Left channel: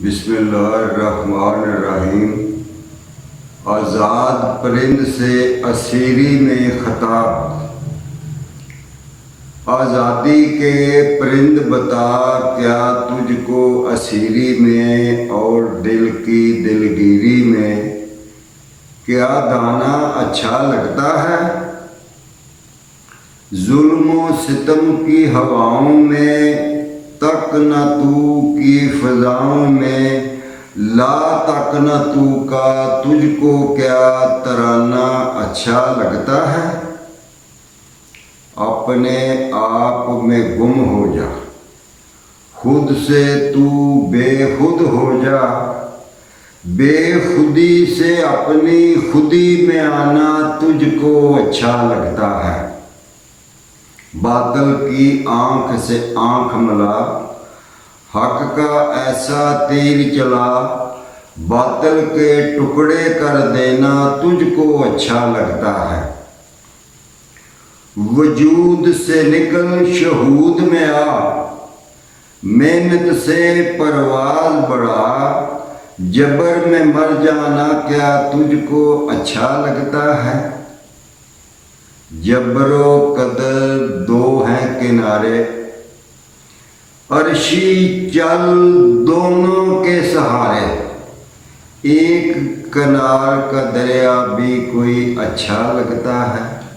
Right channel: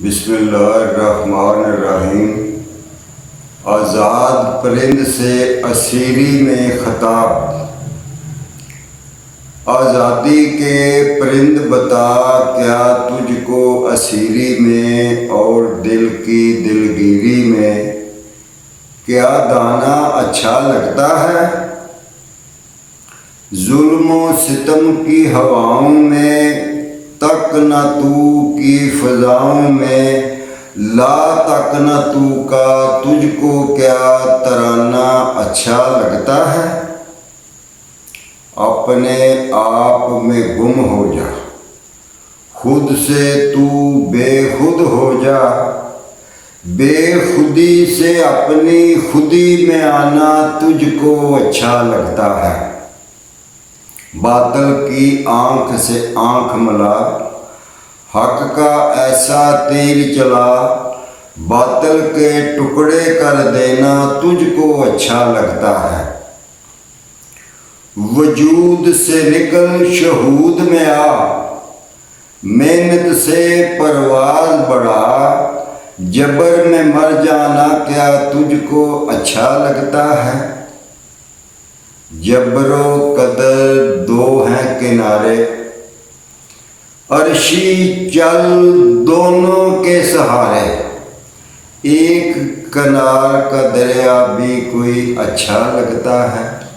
بسم اللہ الرحمن الرحیم۔ آزاد پرند سے اسیری میں خطاب۔ آزادی کے پرند بتا، کیا تجھ کو اسیری میں اور دل کی دلگیری میں کیا دانا اچھا لگتا ہے؟ ظلم و ستم کی ہواؤں میں تک نہ تو کی فضاؤں میں لا تک نہ تو کا تجھ کو کیا ترانہ اچھا لگتا ہے؟ اپنے آپ میں گم ہو جا، خود سے تو بے خود ہو جا، بے خودی سے اپنی خودی میں آنا تجھ کو اچھا لگتا ہے۔ باطل کی آنکھ سے آنکھ ملا، حق کا ایسا تیر چلا، باطل کے ٹکڑے کر دینا تجھ کو اچھا لگتا ہے۔ وجود سے نکل شہود میں آ، محنت سے پرواز بڑھا، جبر میں مر جانا کیا تجھ کو اچھا لگتا ہے؟ جبر و قدر دو ہیں کنارے، عرشی چل دونوں کے سہارے، ایک کنار کا دریا بھی کوئی اچھا لگتا ہے؟